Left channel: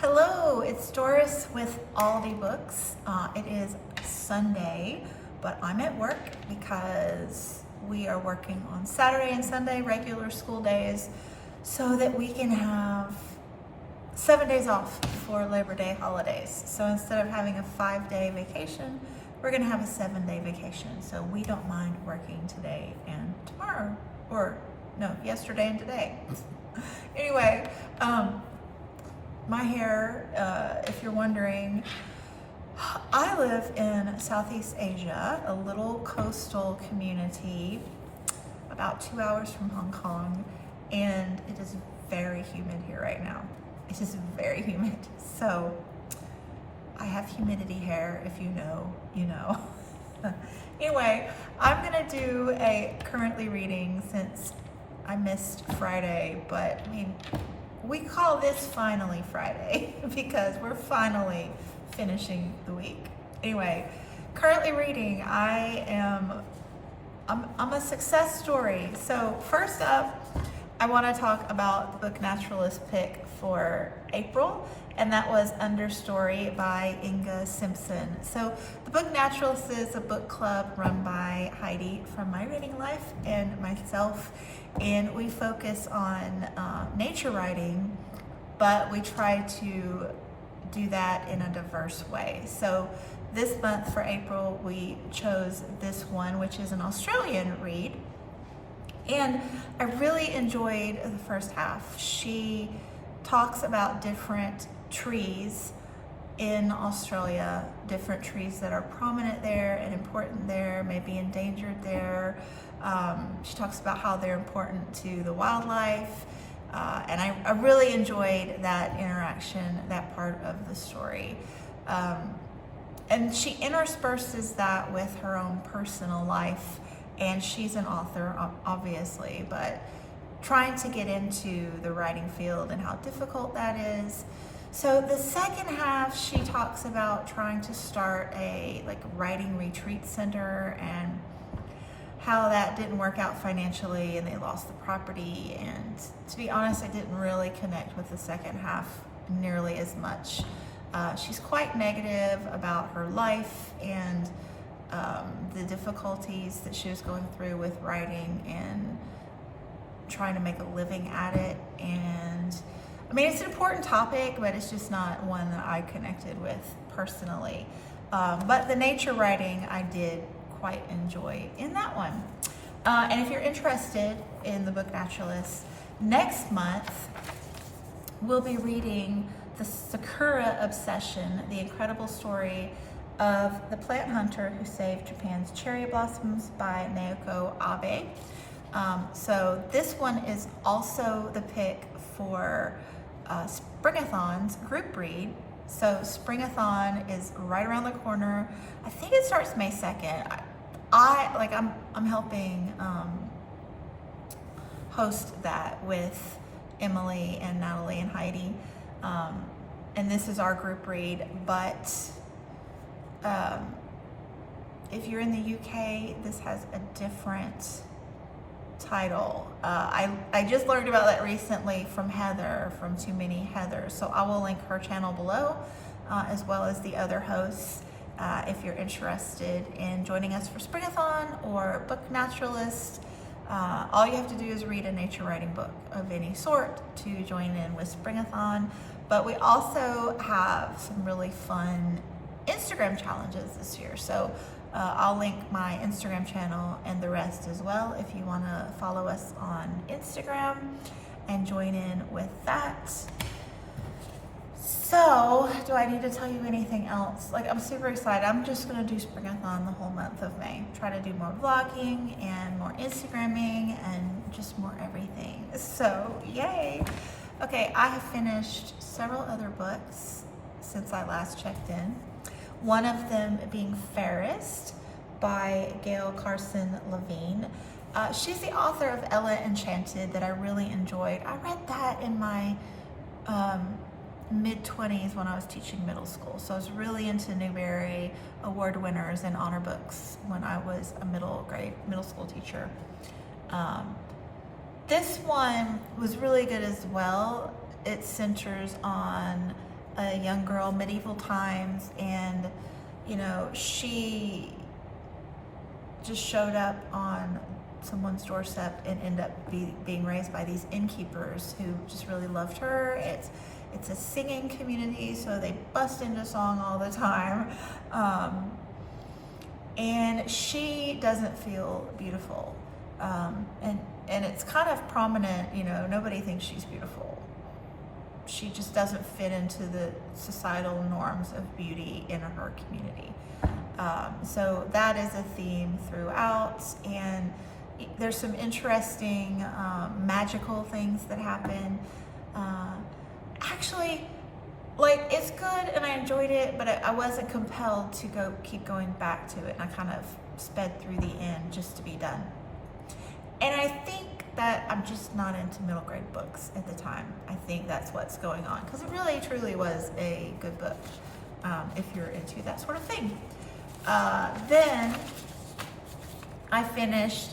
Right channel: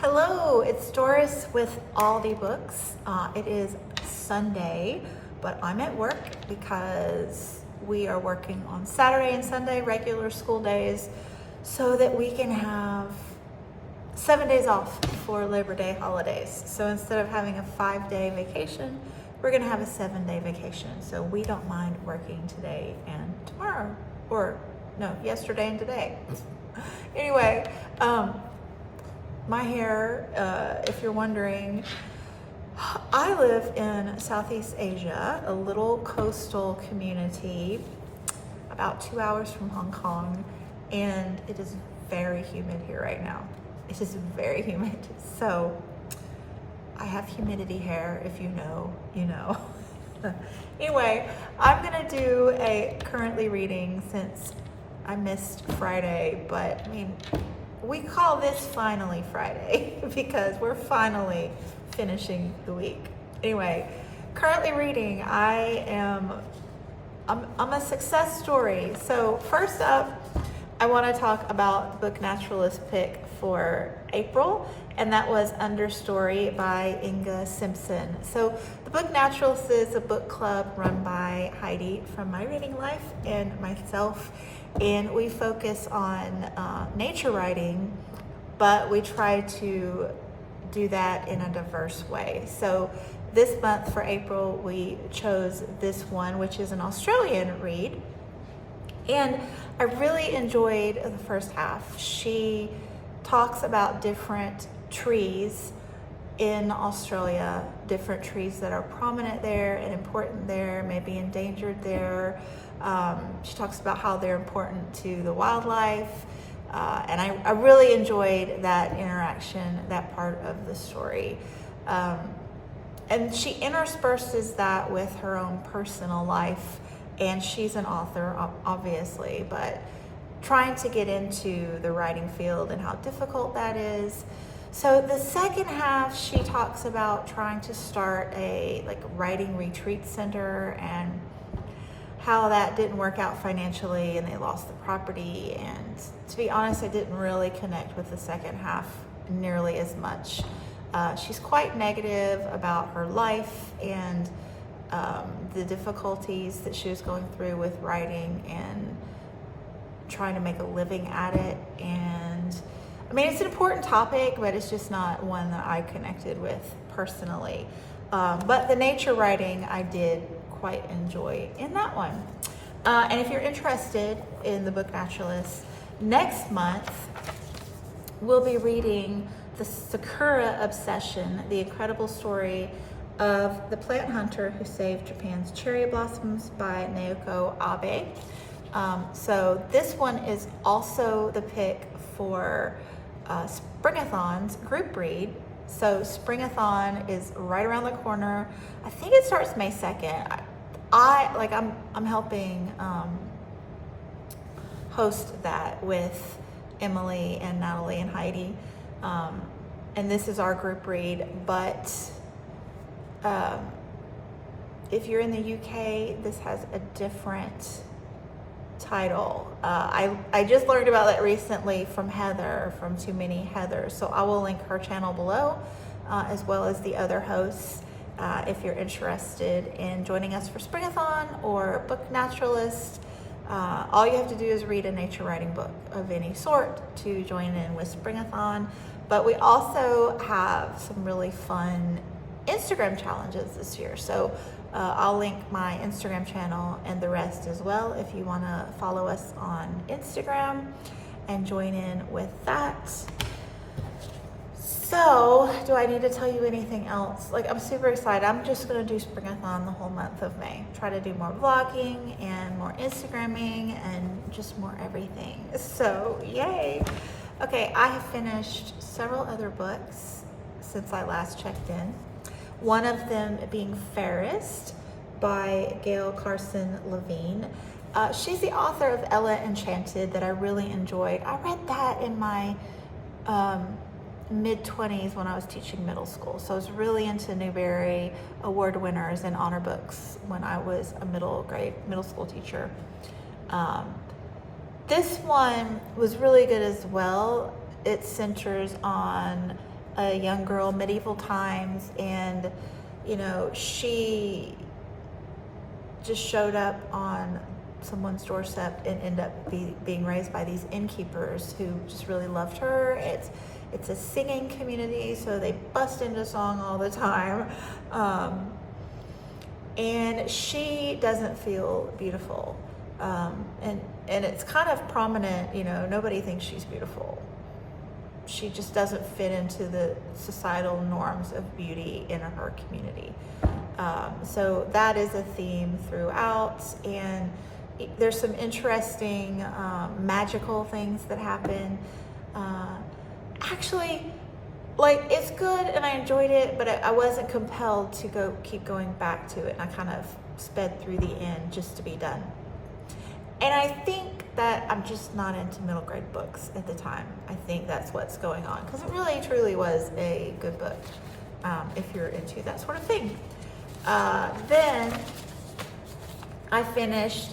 Hello, it's Doris with Aldi Books. It is Sunday, but I'm at work because we are working on Saturday and Sunday, regular school days, so that we can have 7 days off for Labor Day holidays. So instead of having a 5-day vacation, we're gonna have a 7-day vacation. So we don't mind working today and tomorrow, or no, yesterday and today. Anyway, my hair, if you're wondering, I live in Southeast Asia, a little coastal community about 2 hours from Hong Kong, and it is very humid here right now. It is very humid. So I have humidity hair, if you know, you know. Anyway, I'm gonna do a currently reading since I missed Friday, but I mean, we call this finally Friday because we're finally finishing the week. Anyway, currently reading, I'm a success story. So first up, I want to talk about the book Naturalist pick for April, and that was Understory by Inga Simpson. So the book Naturalists is a book club run by Heidi from My Reading Life and myself, and we focus on nature writing, but we try to do that in a diverse way. So this month for April, we chose this one, which is an Australian read. And I really enjoyed the first half. She talks about different trees in Australia, different trees that are prominent there and important there, maybe endangered there. She talks about how they're important to the wildlife. And I really enjoyed that interaction, that part of the story. And she intersperses that with her own personal life. And she's an author, obviously, but trying to get into the writing field and how difficult that is. So the second half, she talks about trying to start a writing retreat center and how that didn't work out financially and they lost the property. And to be honest, I didn't really connect with the second half nearly as much. She's quite negative about her life and the difficulties that she was going through with writing and trying to make a living at it. And I mean, it's an important topic, but it's just not one that I connected with personally. But the nature writing I did quite enjoy in that one. And if you're interested in the book Naturalists, next month we'll be reading The Sakura Obsession, the incredible story of the plant hunter who saved Japan's cherry blossoms by Naoko Abe. So this one is also the pick for Springathon's group read. So Springathon is right around the corner. I think it starts May 2nd. I'm helping host that with Emily and Natalie and Heidi. And this is our group read, but if you're in the UK, this has a different title. I just learned about that recently from Heather, from Too Many Heathers. So I will link her channel below, as well as the other hosts, if you're interested in joining us for Springathon or Book Naturalist. All you have to do is read a nature writing book of any sort to join in with Springathon. But we also have some really fun Instagram challenges this year. So I'll link my Instagram channel and the rest as well if you want to follow us on Instagram and join in with that. So, do I need to tell you anything else? I'm super excited. I'm just going to do Springathon the whole month of May. Try to do more vlogging and more Instagramming and just more everything. So, yay. Okay, I have finished several other books since I last checked in. One of them being Fairest by Gail Carson Levine. She's the author of Ella Enchanted that I really enjoyed. I read that in my mid-20s when I was teaching middle school. So I was really into Newbery Award winners and honor books when I was a middle school teacher. This one was really good as well. It centers on a young girl, medieval times, and she just showed up on someone's doorstep and ended up being raised by these innkeepers who just really loved her. It's a singing community, so they bust into song all the time. And she doesn't feel beautiful. And it's kind of prominent, nobody thinks she's beautiful. She just doesn't fit into the societal norms of beauty in her community. So that is a theme throughout, and there's some interesting magical things that happen. Actually, it's good and I enjoyed it, but I wasn't compelled to keep going back to it, and I kind of sped through the end just to be done. And I think that I'm just not into middle grade books at the time. I think that's what's going on, because it really truly was a good book if you're into that sort of thing. Then I finished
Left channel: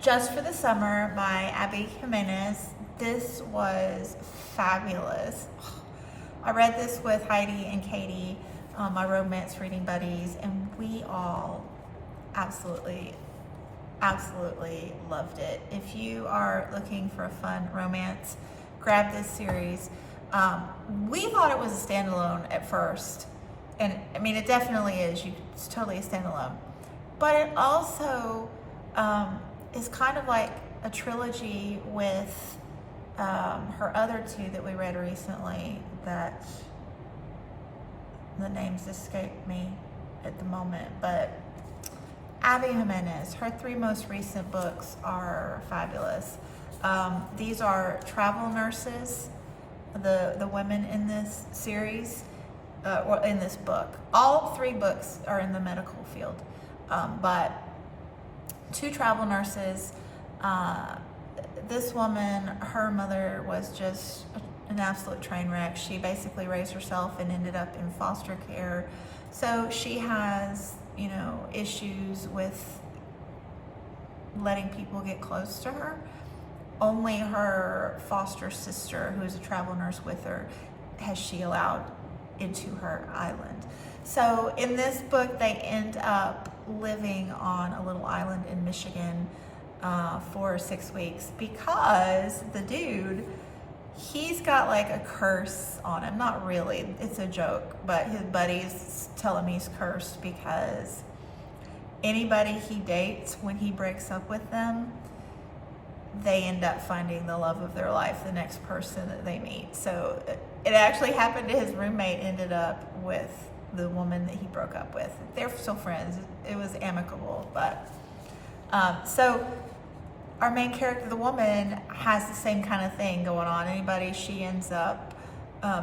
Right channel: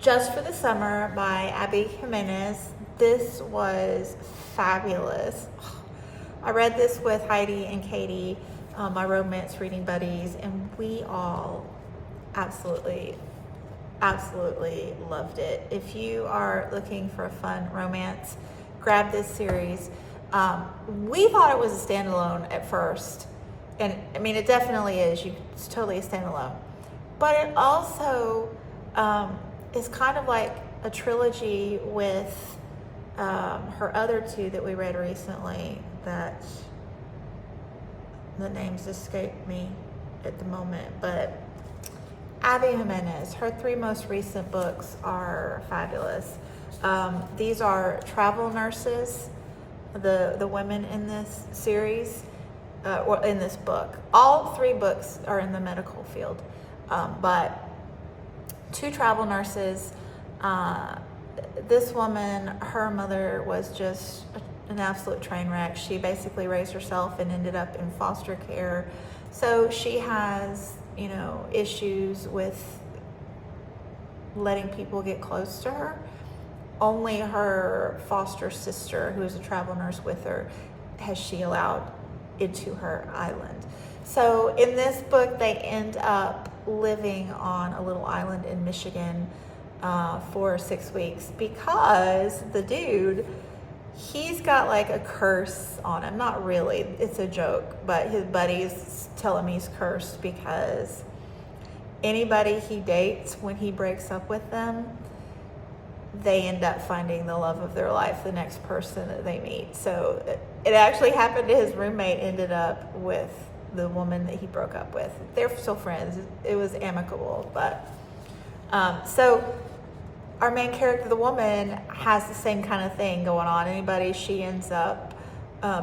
Just for the Summer by Abby Jimenez. This was fabulous. I read this with Heidi and Katie, my romance reading buddies, and we all absolutely loved it. If you are looking for a fun romance, grab this series. We thought it was a standalone at first, and I mean, it definitely is. It's totally a standalone, but it also is kind of like a trilogy with her other two that we read recently, that the names escape me at the moment, but Abby Jimenez, her 3 most recent books are fabulous. These are travel nurses, the women in this series, or in this book. All 3 books are in the medical field, but 2 travel nurses. This woman, her mother was just an absolute train wreck. She basically raised herself and ended up in foster care. So she has, issues with letting people get close to her. Only her foster sister, who is a travel nurse with her, has she allowed into her island. So in this book, they end up living on a little island in Michigan for 6 weeks, because the dude, he's got like a curse on him. Not really, it's a joke, but his buddies tell him he's cursed because anybody he dates, when he breaks up with them, they end up finding the love of their life, the next person that they meet. So it actually happened to his roommate, ended up with the woman that he broke up with. They're still friends. It was amicable, but so our main character, the woman, has the same kind of thing going on. Anybody she ends up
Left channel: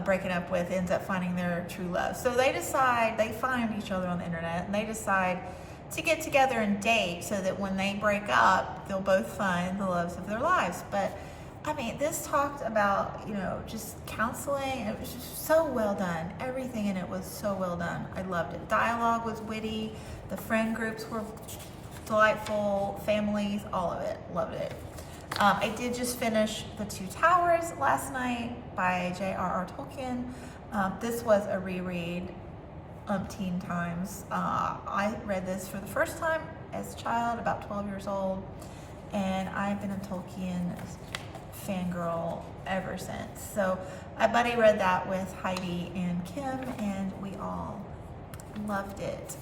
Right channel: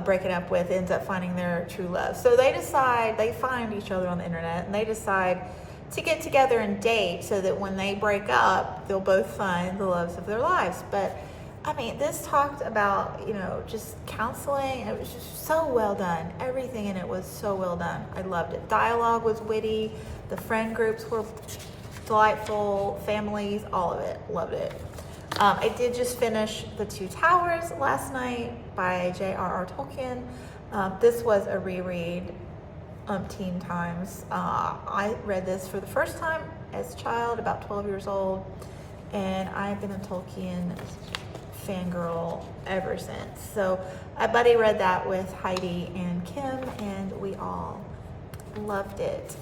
breaking up with ends up finding their true love. So they find each other on the internet, and they decide to get together and date so that when they break up, they'll both find the loves of their lives. But I mean, this talked about, just counseling. It was just so well done. Everything in it was so well done. I loved it. Dialogue was witty. The friend groups were delightful. Families, all of it. Loved it. I did just finish The Two Towers last night by J.R.R. Tolkien. This was a reread umpteen times. I read this for the first time as a child, about 12 years old, and I've been a Tolkien fangirl ever since. So my buddy read that with Heidi and Kim, and we all loved it.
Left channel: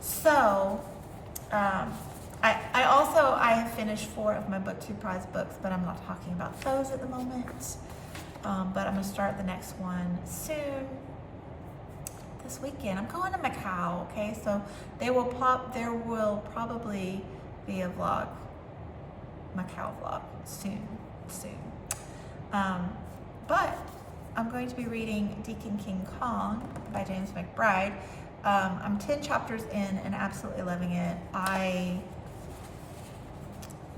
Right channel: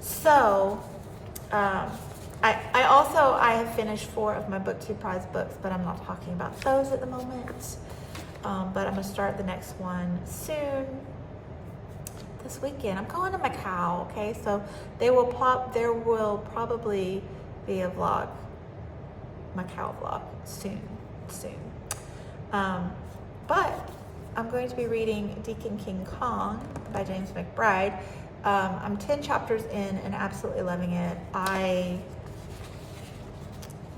So I have finished 4 of my BookTube prize books, but I'm not talking about those at the moment. But I'm gonna start the next one soon. This weekend, I'm going to Macau. Okay, so there will probably be a vlog, Macau vlog soon. But I'm going to be reading Deacon King Kong by James McBride. I'm 10 chapters in and absolutely loving it.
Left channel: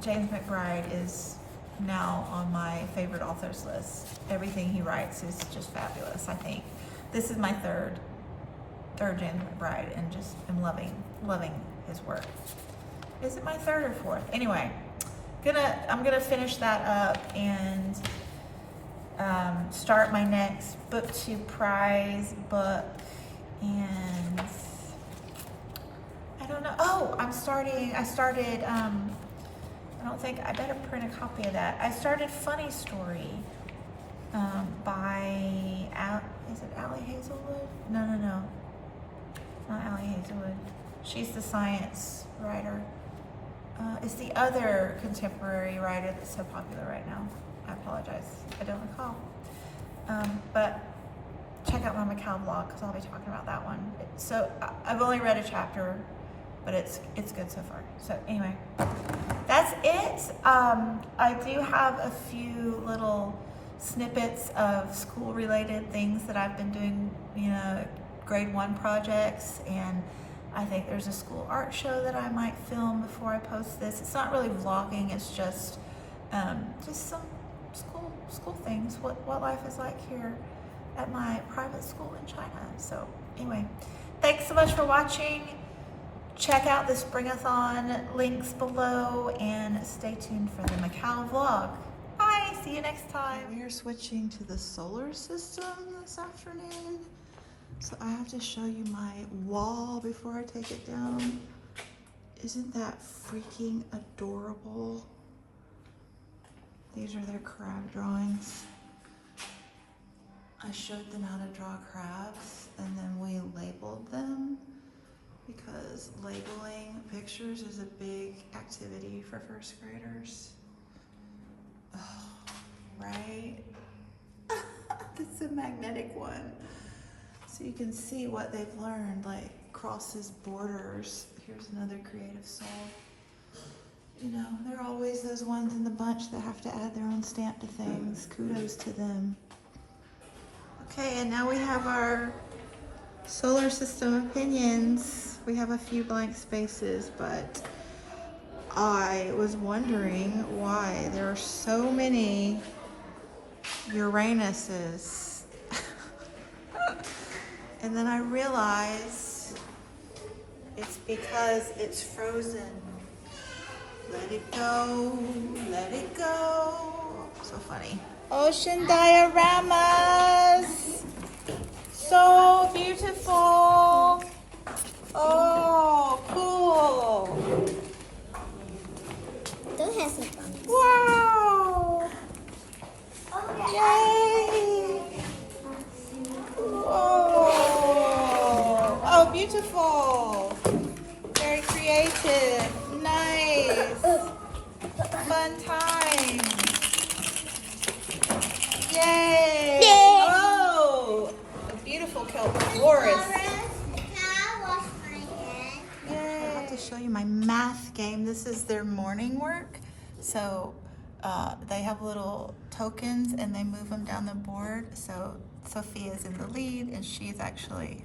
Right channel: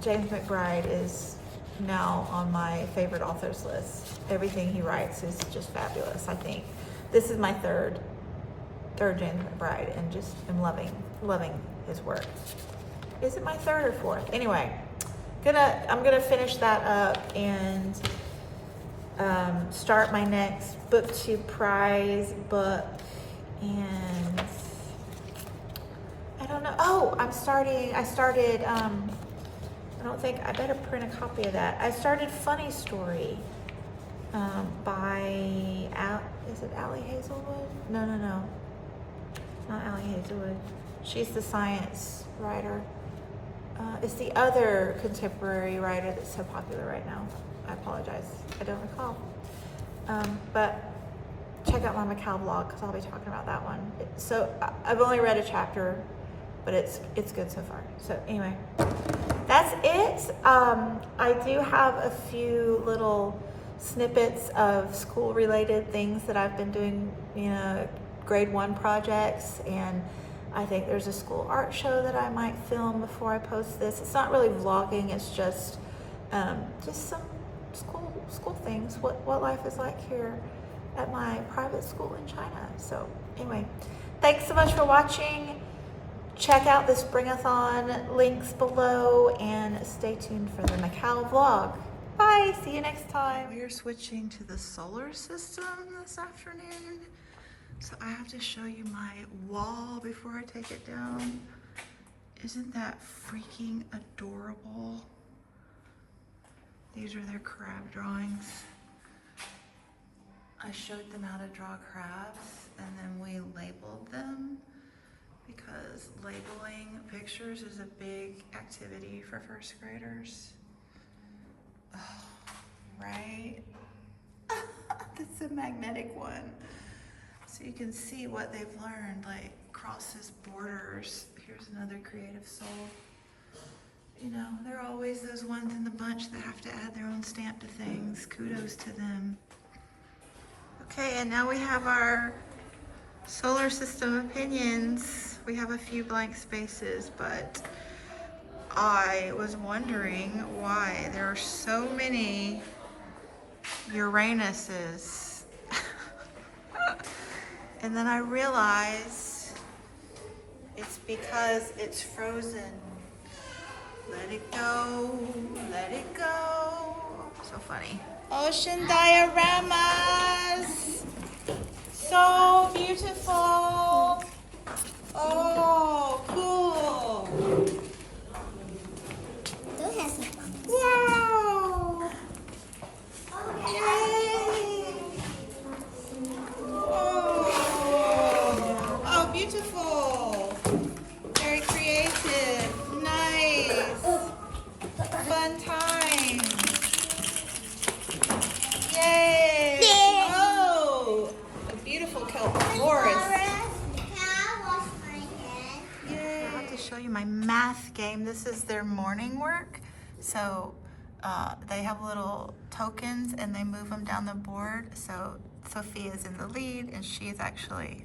James McBride is now on my favorite authors list. Everything he writes is just fabulous. I think this is my third James McBride, and just am loving his work. Is it my 3rd or 4th? Anyway, I'm gonna finish that up, and start my next BookTube prize book, and I don't know. Oh, I started, I don't think, I better print a copy of that. I started Funny Story by, is it Allie Hazelwood? No. It's not Allie Hazelwood. She's the science writer. It's the other contemporary writer that's so popular right now. I apologize, I don't recall. But check out my Macau vlog because I'll be talking about that one. So I've only read a chapter, but it's good so far. So anyway, that's it. I do have a few little snippets of school related things that I've been doing, you know, grade 1 projects, and I think there's a school art show that I might film before I post this. It's not really vlogging, it's just some school things, what life is like here at my private school in China. So anyway, thanks so much for watching. Check out the Springathon links below and stay tuned for the Macau vlog. Bye, see you next time. We're switching to the solar system this afternoon. So I have to show you my wall before I take it down. Isn't that freaking adorable? These are their crab drawings. I showed them how to draw crabs and then we labeled them because labeling pictures is a big activity for first graders. Oh, right? That's a magnetic one. So you can see what they've learned, like crosses borders. Here's another creative soul. You know, there are always those ones in the bunch that have to add their own stamp to things. Kudos to them. Okay, and now we have our solar system opinions. We have a few blank spaces, but I was wondering why there are so many Uranuses. And then I realized it's because it's frozen. Let it go, let it go. So funny. Ocean dioramas. So beautiful. Oh, cool. Wow. Yay. Whoa. Oh, beautiful. Very creative. Nice. Fun time. Yay. Oh, a beautiful kelp forest. Yay. I have to show you my math game. This is their morning work. So they have little tokens and they move them down the board. So Sophia's in the lead and she's actually,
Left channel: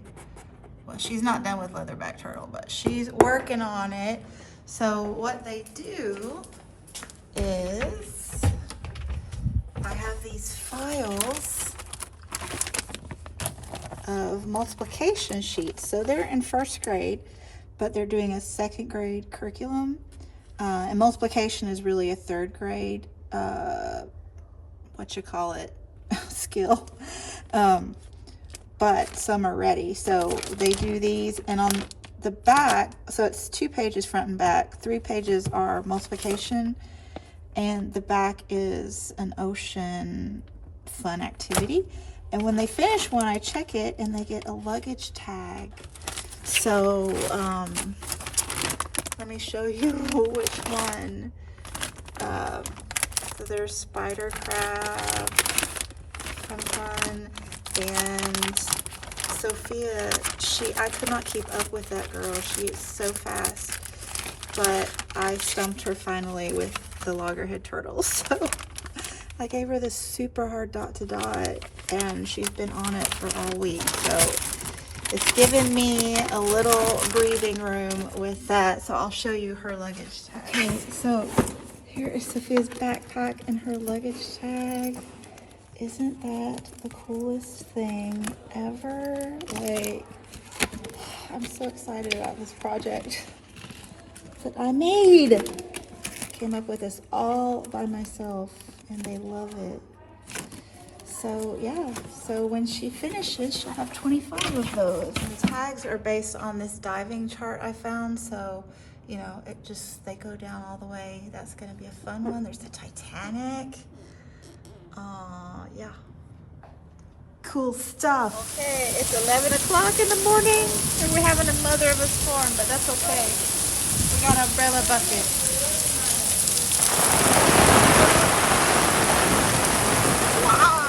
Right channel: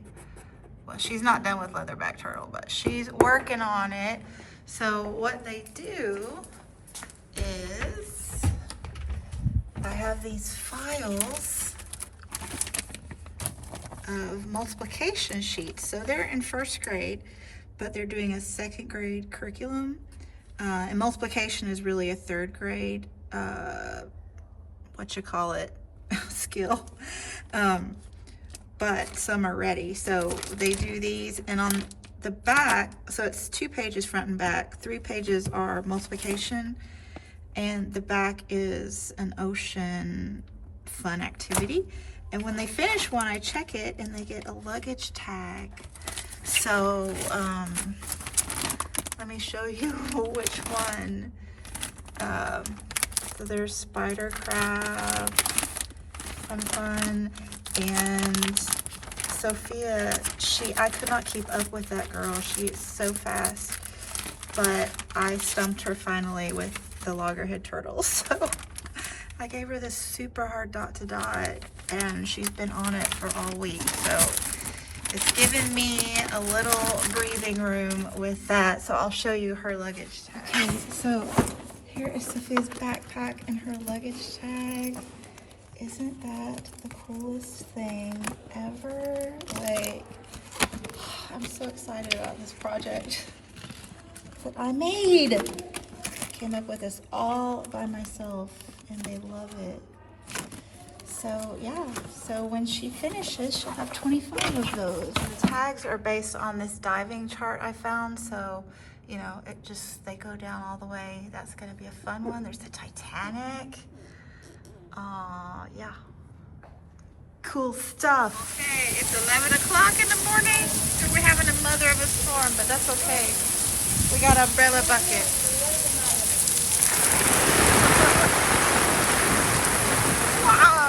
well, she's not done with leatherback turtle, but she's working on it. So what they do is I have these files of multiplication sheets. So they're in first grade, but they're doing a second grade curriculum. And multiplication is really a third grade, skill. But some are ready. So they do these, and on the back, so it's 2 pages front and back. 3 pages are multiplication, and the back is an ocean fun activity. And when they finish one, I check it and they get a luggage tag. So let me show you which one. So there's spider crab, fun, and Sophia, I could not keep up with that girl. She is so fast, but I stumped her finally with the loggerhead turtle. So I gave her this super hard dot to dot, and she's been on it for all week. So it's given me a little breathing room with that. So I'll show you her luggage tag. Okay, so here is Sophia's backpack and her luggage tag. Isn't that the coolest thing ever? Like, I'm so excited about this project that I made. Came up with this all by myself and they love it. So yeah, so when she finishes, she'll have 25 of those. And the tags are based on this diving chart I found. So, you know, they go down all the way. That's gonna be a fun one. There's the Titanic. Yeah. Cool stuff. Okay, it's 11 o'clock in the morning and we're having a mother of a storm, but that's okay. We got umbrella buckets. Wow.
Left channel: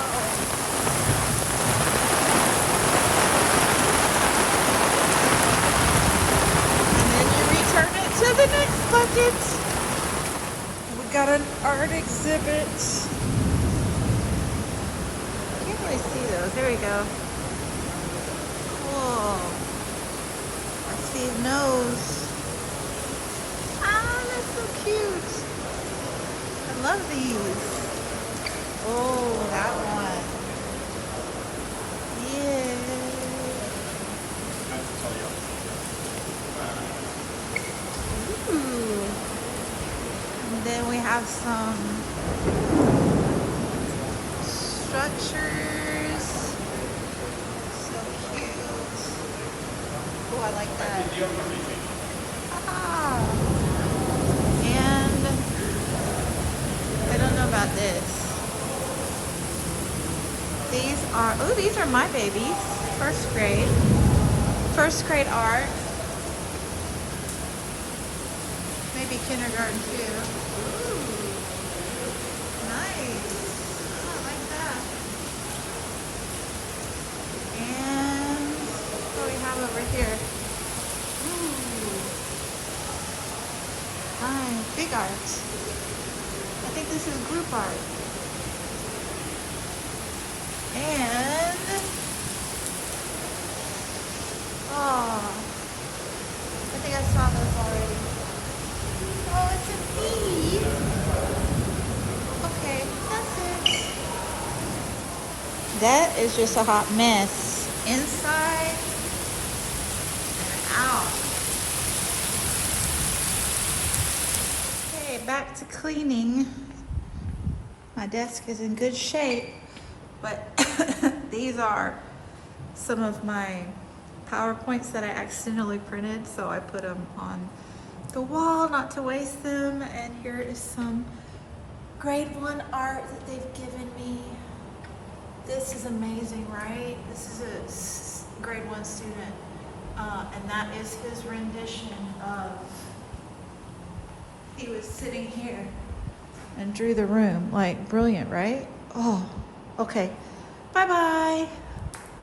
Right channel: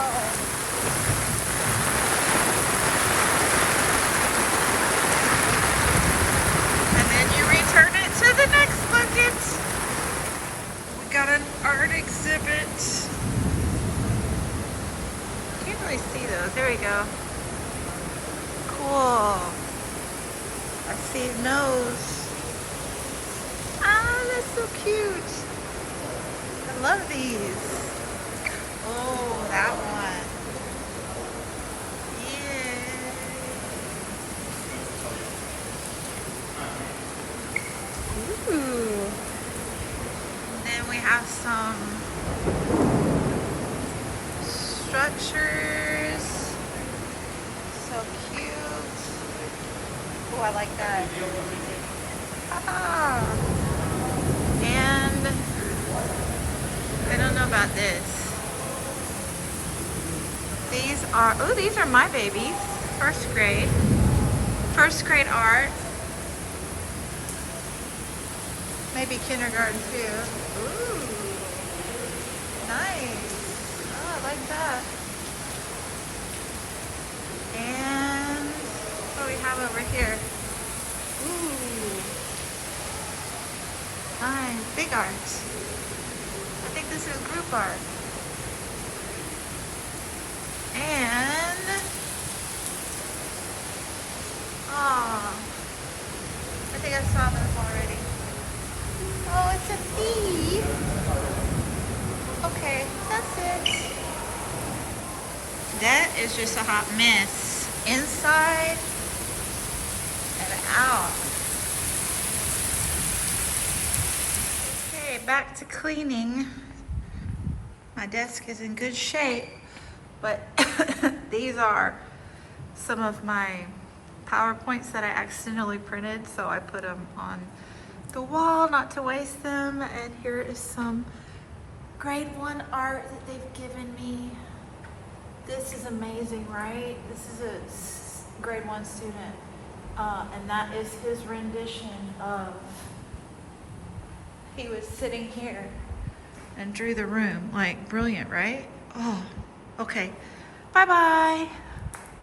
And then you return it to the next bucket. We got an art exhibit. Can't really see those. There we go. Cool. I see his nose. Ah, that's so cute. I love these. Oh, that one. Yeah. Ooh. And then we have some structures. So cute. Oh, I like that. Ah. And I don't know about this. These are my babies. First grade. First grade art. Maybe kindergarten too. Ooh. Nice. Oh, I like that. And what do we have over here? Ooh. Nice. Big art. I think this is group art. And I think I saw this already. Oh, it's a bee. Okay, that's it. That is just a hot mess. Inside and out. Okay, back to cleaning. My desk is in good shape, but these are some of my PowerPoints that I accidentally printed, so I put them on the wall not to waste them. And here is some grade 1 art that they've given me. This is amazing, right? This is a grade 1 student, and that is his rendition of, he was sitting here and drew the room. Like, brilliant, right? Oh, okay. Bye-bye.